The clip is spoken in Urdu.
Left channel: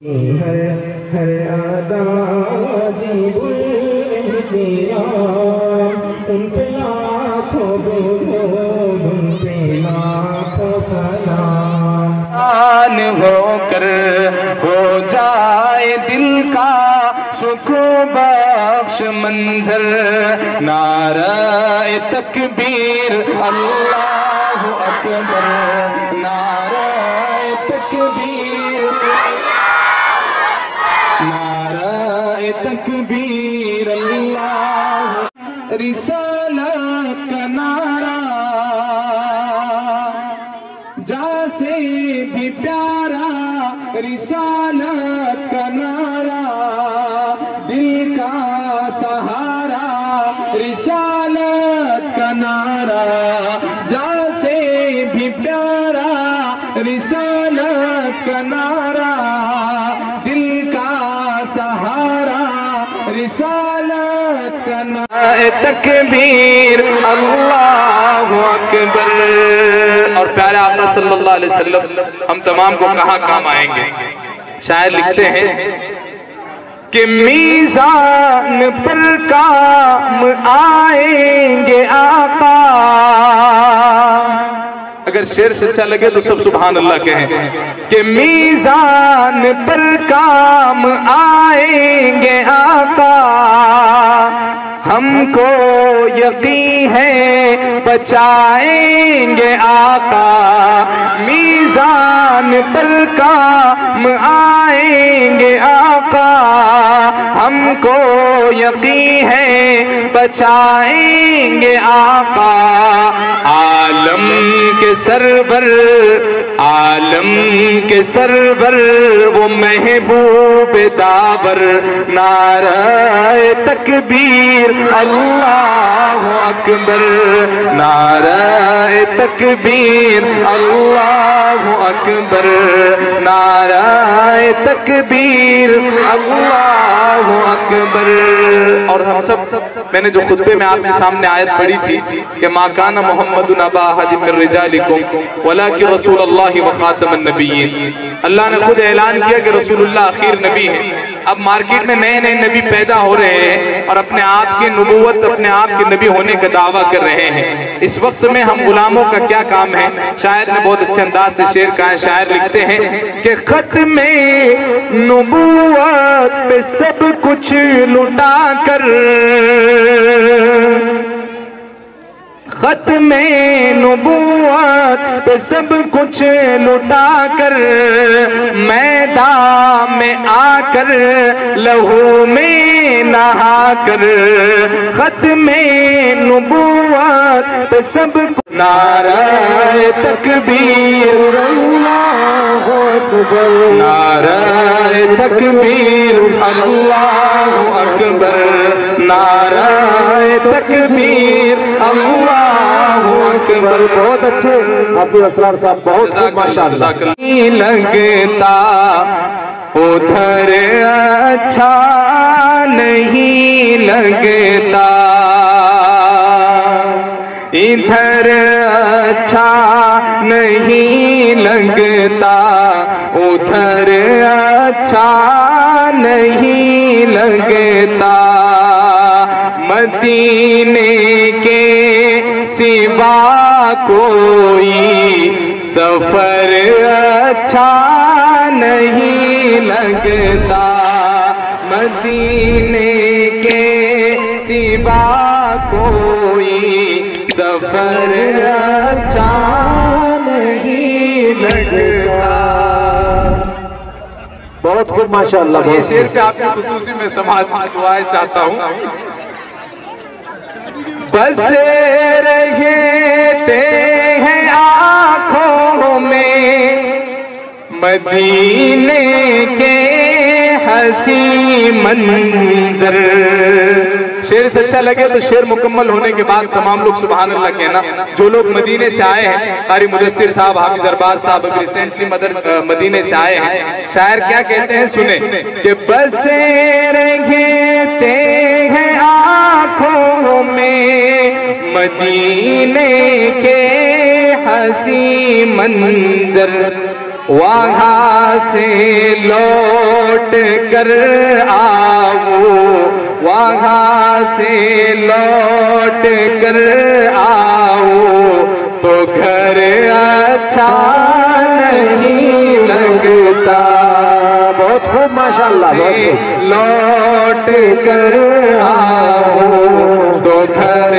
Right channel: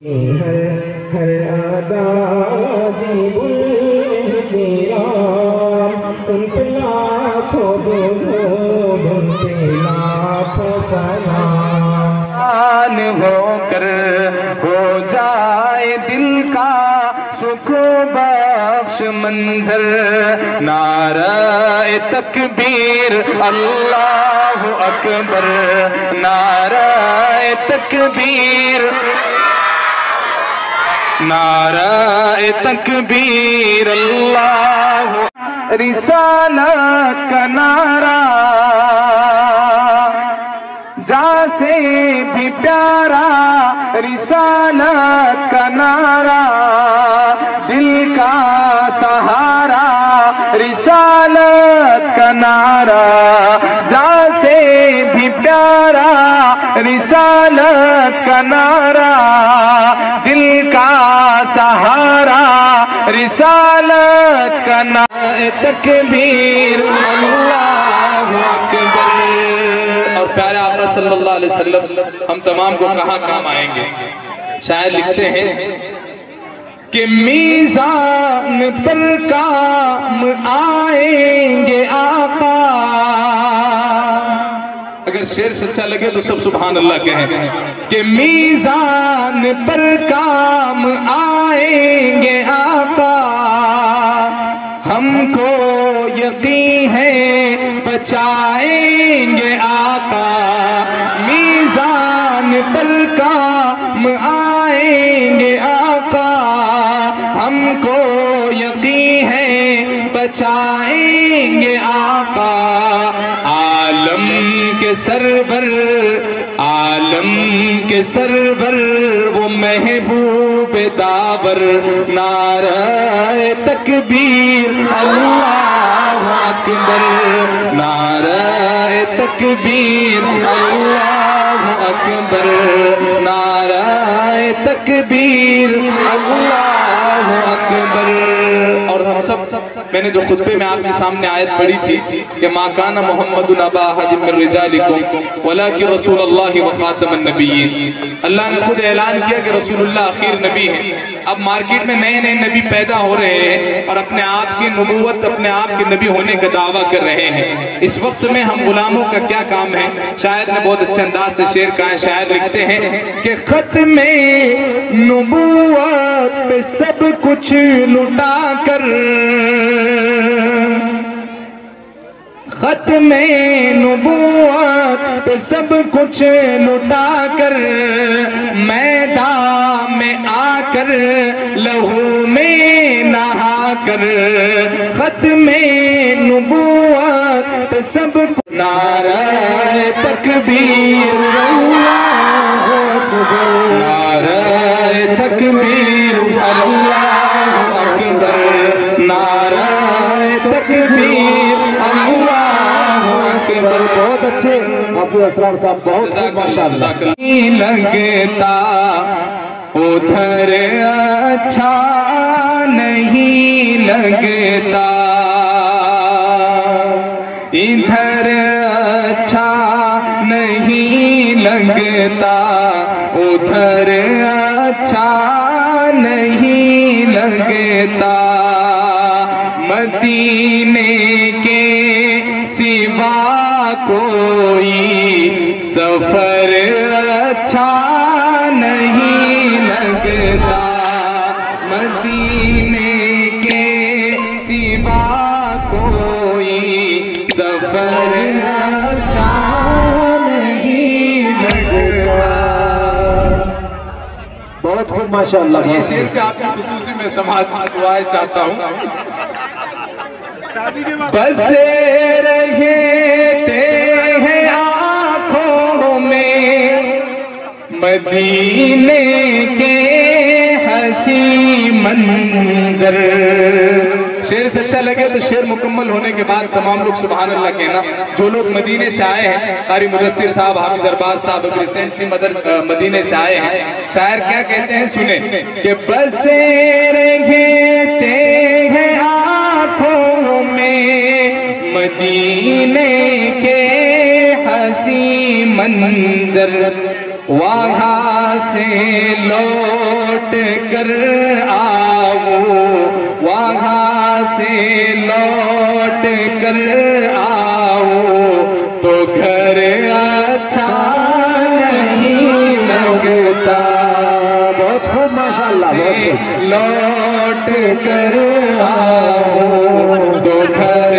ہر ادا جی تیرا ان پہ لاکھوں درود ان پہ لاکھوں سلام ہو کر ہو جائے دل کا سکون بخش منظر نعرہ تکبیر اللہ اکبر نعرہ تکبیر نعرہ تکبیر اللہ رسالت کا نعرہ جا سے بھی پیارا رسالت کا نعرہ دل کا سہارا رسالت کا نعرہ جا سے بھی پیارا رسالت کا نعرہ دل کا سہارا رسالت کا نعرہ تکبیر اللہ اکبر۔ اور پیارے آقا صلی اللہ علیہ وسلم ہم تمام کو کہاں کام آئیں گے؟ شاعر لکھتے ہیں کہ میزان پر کام آئیں گے آقا۔ اگر شعر سچا لگے تو سب سبحان اللہ کہیں کہ میزان پر کام آئیں گے آقا، ہم کو یقین ہے بچائیں گے آقا۔ میزان پر کام آئیں گے آقا، ہم کو یقین ہے بچائیں گے آقا۔ عالم کے سرور عالم کے سرور وہ محبوب داور نعرہ تکبیر اللہ اکبر نعرہ تکبیر اللہ اکبر نعرہ تکبیر اللہ اکبر۔ اور ہم سب میں نے جو خطبے میں آپ کے سامنے آیت پڑھی تھی کہ ما کان محمد ابا احد من رجالکم ولکن رسول اللہ وخاتم النبیین، اللہ نے خود اعلان کیا کہ رسول اللہ آخر نبی ہے۔ اب مارکیٹ میں نئے نئے نبی پیدا ہو رہے ہیں اور اپنے آپ کی نبوت اپنے آپ کے نبی ہونے کا دعویٰ کر رہے ہیں۔ اس وقت میں ہم غلاموں کا کیا کام ہے؟ شاعر نے بہت اچھے انداز سے شعر کہا ہے۔ شاعر لکھتے ہیں کہ ختم نبوت پہ سب کچھ لٹا کر ختم نبوت پہ سب کچھ لٹا کر میدان میں آ کر لہو میں نہا کر ختم نبوت پہ سب کچھ نعرہ تکبیر اللہ اکبر نعرہ تکبیر اللہ اکبر نعرہ تکبیر اللہ اکبر۔ بہت اچھے عبد الاسرار صاحب، بہت خوب ماشاءاللہ۔ لگتا ادھر اچھا نہیں لگتا ادھر اچھا نہیں لگتا ادھر اچھا نہیں لگتا مدینے کے سوا کوئی سفر اچھا نہیں لگتا مدینے کے سوا کوئی سفر اچھا نہیں لگتا۔ بہت خوب ماشاءاللہ۔ یہ شعر سے آپ کی خصوصی میں سماعت دعائیں چاہتا ہوں۔ بسے رہتے ہیں آنکھوں میں مدینے کے حسین منظر۔ شعر سے اچھا لگے تو شعر مکمل ہونے کے بعد تمام لوگ سبحان اللہ کہنا۔ جو لوگ مدینے سے آئے ہیں، قاری مدثر صاحب، حافظ ارباز صاحب ریسنٹلی مدینے سے آئے ہیں، شاعر کیا کہتے ہیں سنیں کہ بسے رہتے ہیں آنکھوں میں مدینے کے حسین منظر وہاں سے لوٹ کر آؤ، وہاں سے لوٹ کر آؤ تو گھر اچھا نہیں لگتا، بہت خوب ماشاءاللہ، بہت خوب، لوٹ کر آؤ تو گھر